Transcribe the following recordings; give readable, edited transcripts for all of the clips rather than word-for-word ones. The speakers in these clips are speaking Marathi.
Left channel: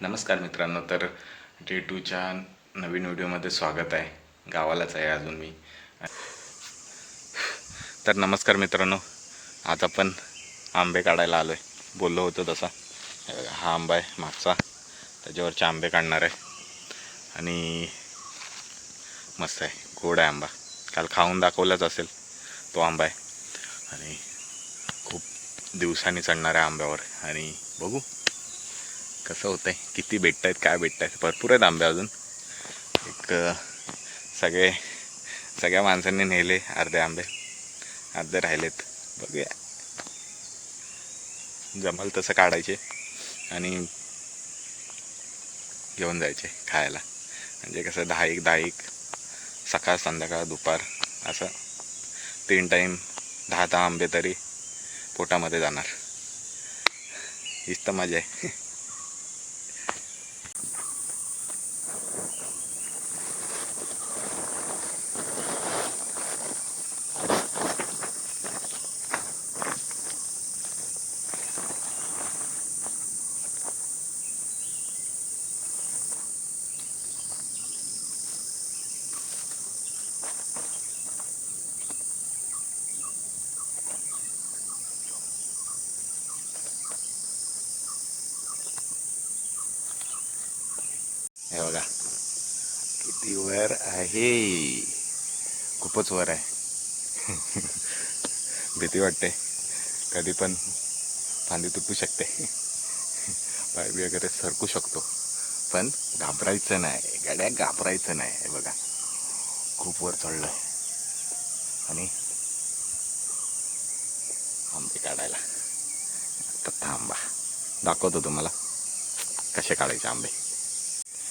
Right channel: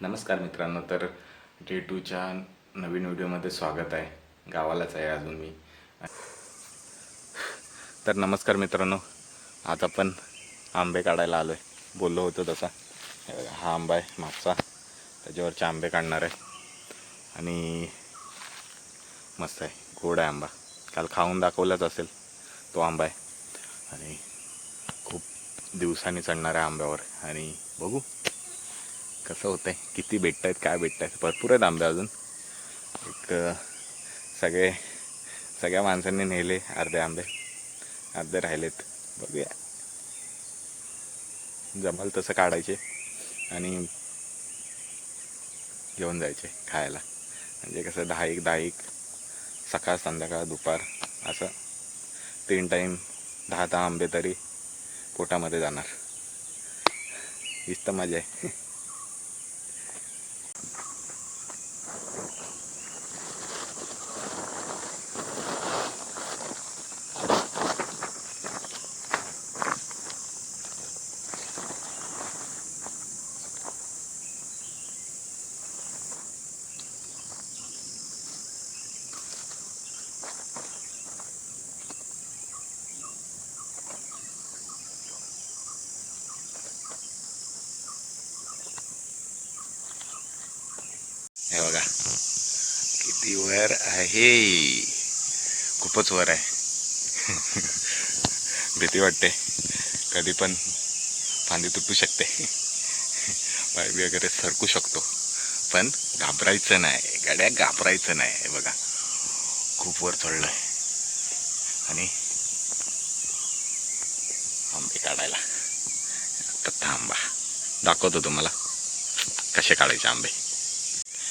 नमस्कार मित्रांनो. तर डे टूच्या नवीन व्हिडिओमध्ये स्वागत आहे. गावालाच आहे अजून मी. तर नमस्कार मित्रांनो, आज आपण आंबे काढायला आलो आहे. बोललो होतो तसा. हा आंबा आहे मागचा, त्याच्यावरचे आंबे काढणार आहे. आणि मस्त आहे, गोड आहे आंबा. काल खाऊन दाखवलाच असेल तो आंबा आहे. आणि खूप दिवसांनी चढणार आहे आंब्यावर. आणि बघू कसं होतं आहे, किती भेटत आहेत, काय भेटत आहेत. भरपूर आहेत आंबे अजून. एक सगळे सगळ्या माणसांनी नेले अर्धे आंबे, अर्धे राहिलेत. बघूया, जमल तसं काढायचे आणि घेऊन जायचे खायला. म्हणजे कसं 10-10 सकाळ संध्याकाळ दुपार असं 3 टाईम 10-10 आंबे तरी पोटामध्ये जाणार. हीच तर मजा आहे. हे बघा किती वर आहे, खूपच वर आहे. भीती वाटते, कधी पण फांदी तुटू शकते, पाय बी वगैरे सरकू शकतो. पण घाबरायचं नाही गड्या, घाबरायचं नाही. हे बघा खूप वर चढलं आहे. आणि आंबे काढायला आता थांबा, दाखवतो तुम्हाला कसे काढायचे आंबे.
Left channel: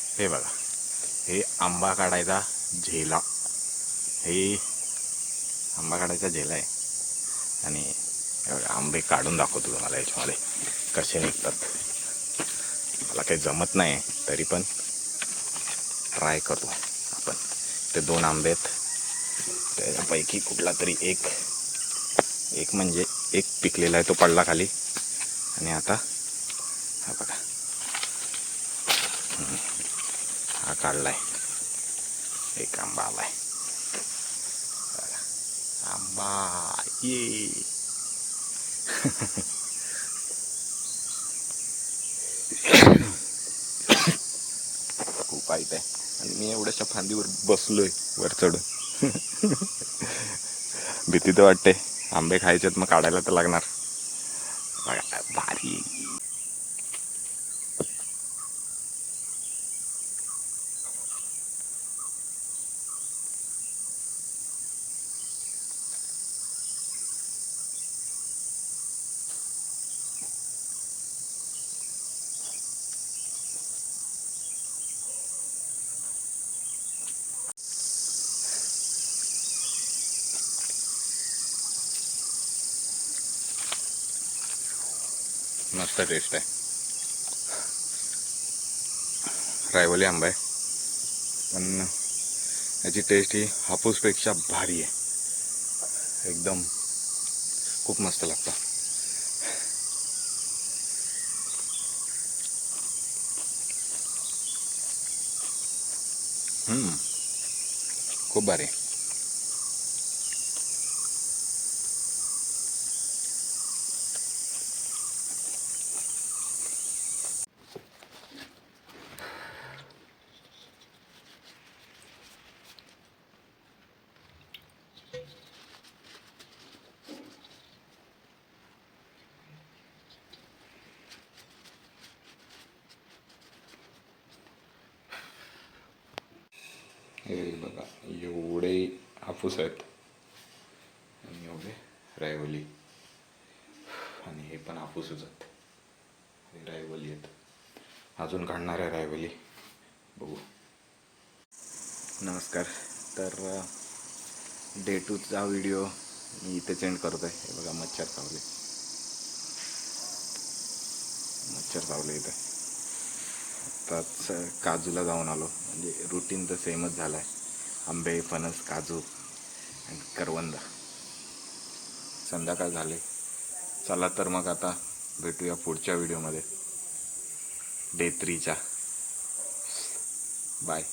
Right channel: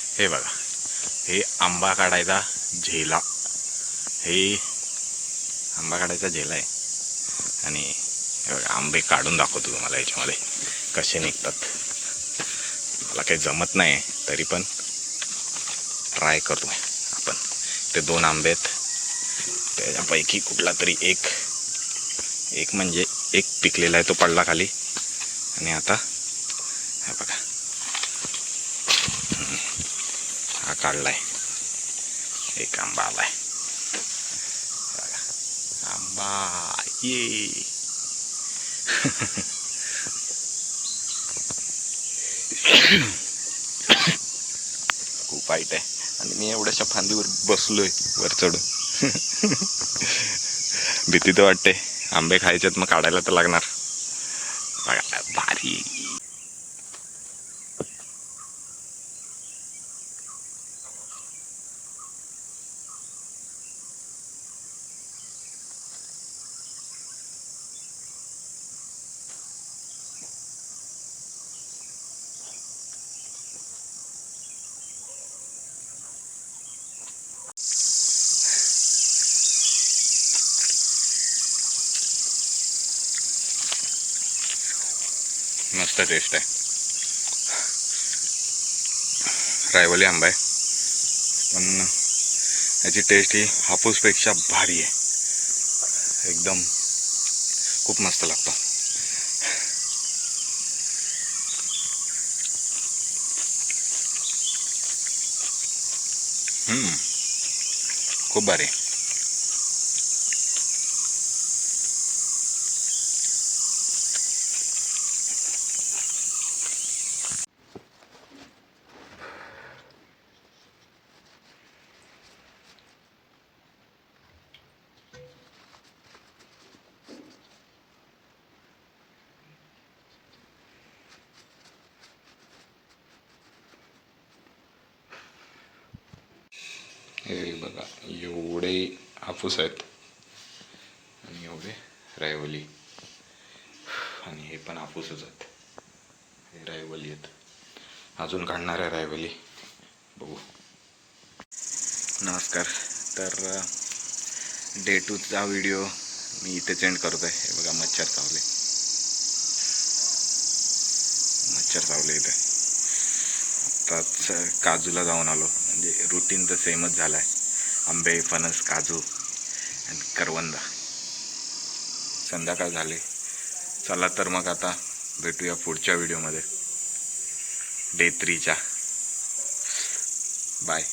हे बघा, हे आंबा काढायचा झेला. हे आंबा काढायचा झेला आहे. आणि हे बघा, आंबे काढून दाखवतो तुम्हाला याच्यामध्ये कसे निघतात. मला काही जमत नाही तरी पण ट्राय करतो आपण. ते 2 आंबे आहेत, त्याच्यापैकी कुठला तरी एक म्हणजे एक पिकलेला आहे, तो पडला खाली. आणि आता हा बघा, हा काढलाय, एक आंबा आलाय. आंबा ये. खूप वाईट आहे. आणि मी एवढ्याशा फांदीवर बसलोय वर चढून. भीती तर वाटते. आंबे खायचेत, मग काढायला तर लागणार. बघा भारी. मस्त टेस्ट आहे. रायवली आंबा आहे, पण याची टेस्ट ही हापूसपेक्षा भारी आहे. एकदम खूप मस्त लागतो. खूप भारी. हे बघा, एवढे हापूस आहेत आणि एवढे रायवली. आणि हे पण हापूसच आहेत. हे रायवली आहेत. अजून काढणार आहे रायवली, बघू. नमस्कार. तर डे 2चा व्हिडिओ मी इथेच एंड करतो आहे. हे बघा, मच्छर चावले इथे. आत्ताच काजूला जाऊन आलो. म्हणजे रुटीन तर सेमच झालं आहे. आंबे, फणस, काजू आणि करवंद. संध्याकाळ झाले. चला तर मग आता भेटूया पुढच्या व्हिडिओमध्ये. डे 3च्या. बाय.